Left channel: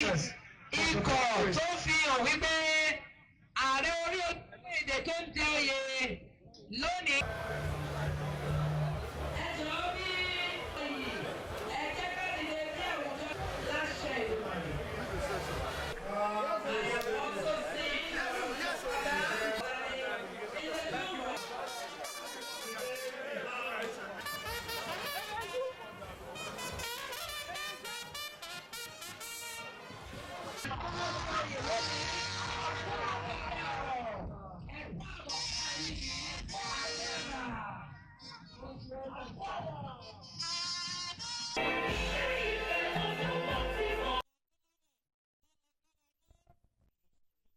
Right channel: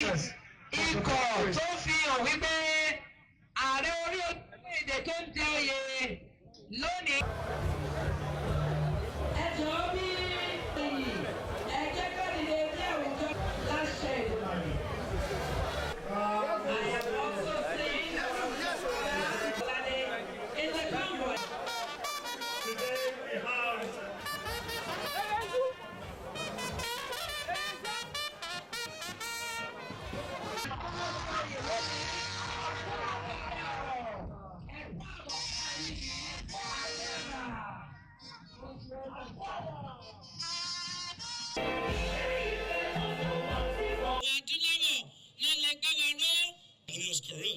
ikọ̀ tó fi hàn wípé ààrẹ orílẹ̀-èdè tó ń jẹ oyè lónìí. Ẹ jọ̀ọ́ bí ẹ jẹ́ ká lè bí àwùjọ láṣẹ ìdùnnú.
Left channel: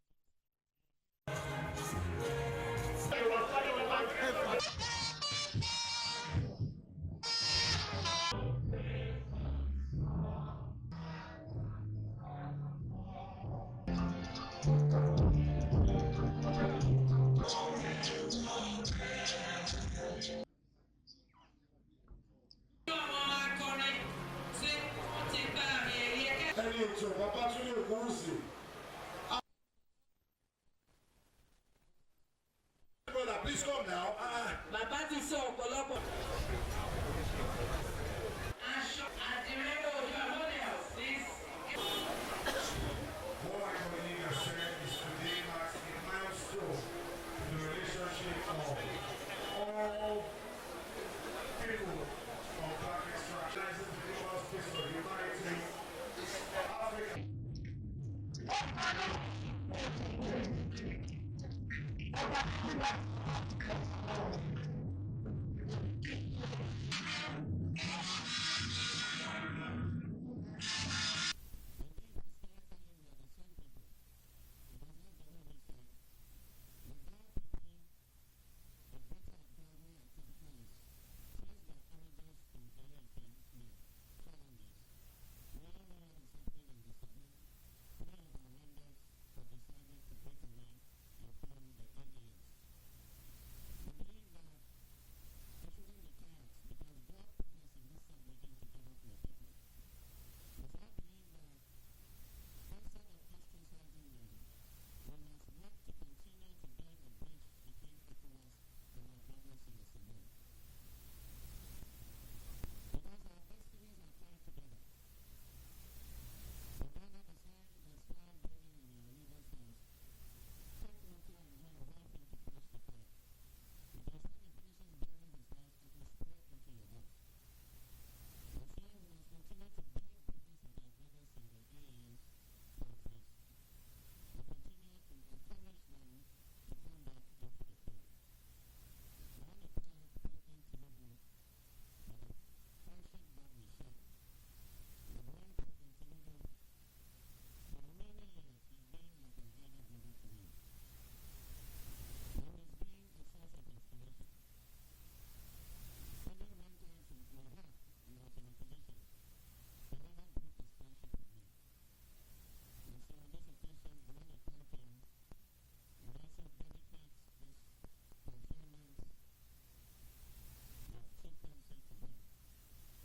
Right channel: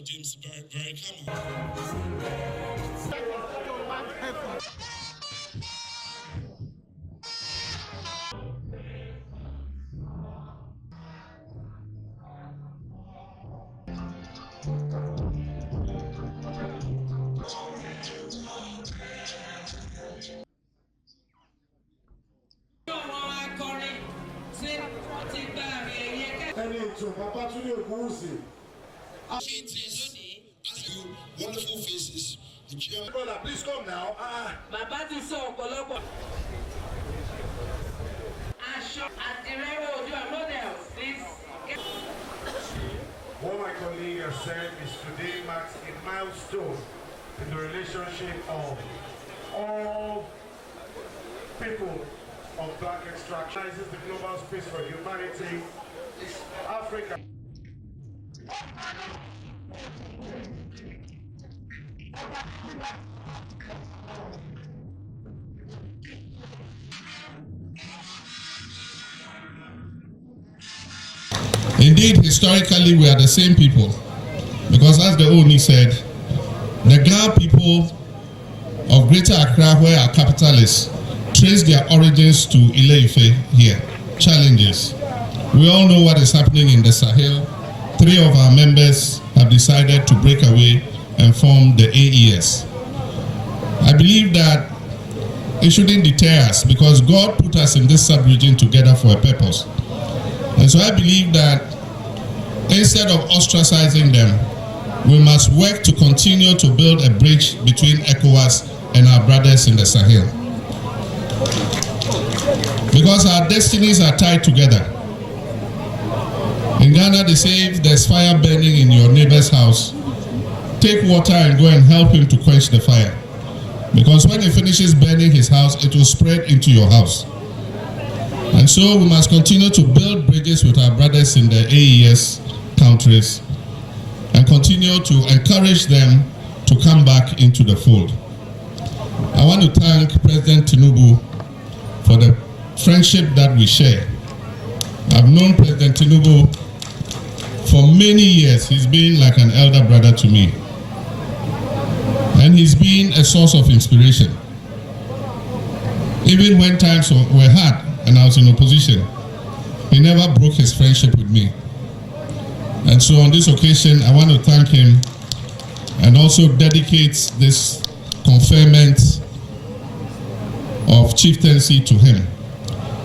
James very wonderful faces. Brother, please come now. What my colleague has said is today marks a milestone in the relationship of all people of black extraction. This is the global space for humanity, Africa. Indeed, historically, we are the same people. Because as the Ooni said, the Ghana people of Greater Accra, where our capital is, trace their origins to Ile-Ife here. Challenges. We all know what is happening in the Sahel. 3 of our members have decided to break away and form the AES. I believe that it shouldn't deter us because God put us in this sub-region together for a purpose. And so I believe that instead of ostracizing them, we must work to continue to build a bridge between ECOWAS and our brothers in the Sahel. Because our destinies are tied together. In Ghana, they say if there's fire burning in your neighbor's house, take water and go and help him to quench the fire. Because when he finishes burning his house, it will spread into your house. And so we must continue to build bridges with our brothers in the AES countries and continue to encourage them to come back into the fold. I want to thank President Tinubu for the friendship that we share. I've known President Tinubu for many years. He's been like an elder brother to me. And he's been a source of inspiration. Even when times were hard and I was in opposition, he never broke his friendship with me. And so on this occasion, I want to thank him and also dedicate this conferment of chieftaincy to him.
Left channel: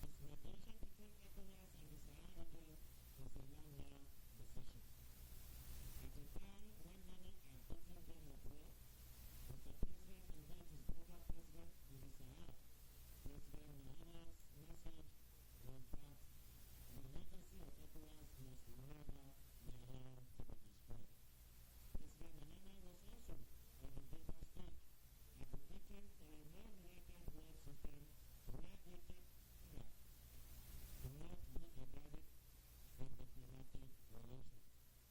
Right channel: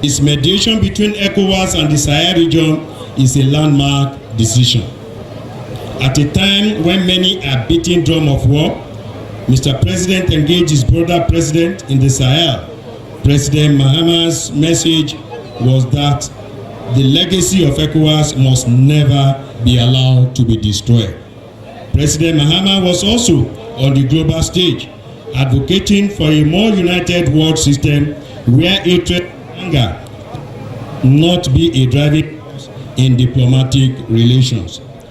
His mediation between ECOWAS and the Sahel region is a landmark decision. At a time when many are beating drum of war, Mr. President engaged his brother president in the Sahel. President Mahama's message was that the legacy of ECOWAS must never be allowed to be destroyed. President Mahama was also on the global stage, advocating for a more united world system where hatred and anger not be a driving force in diplomatic relations.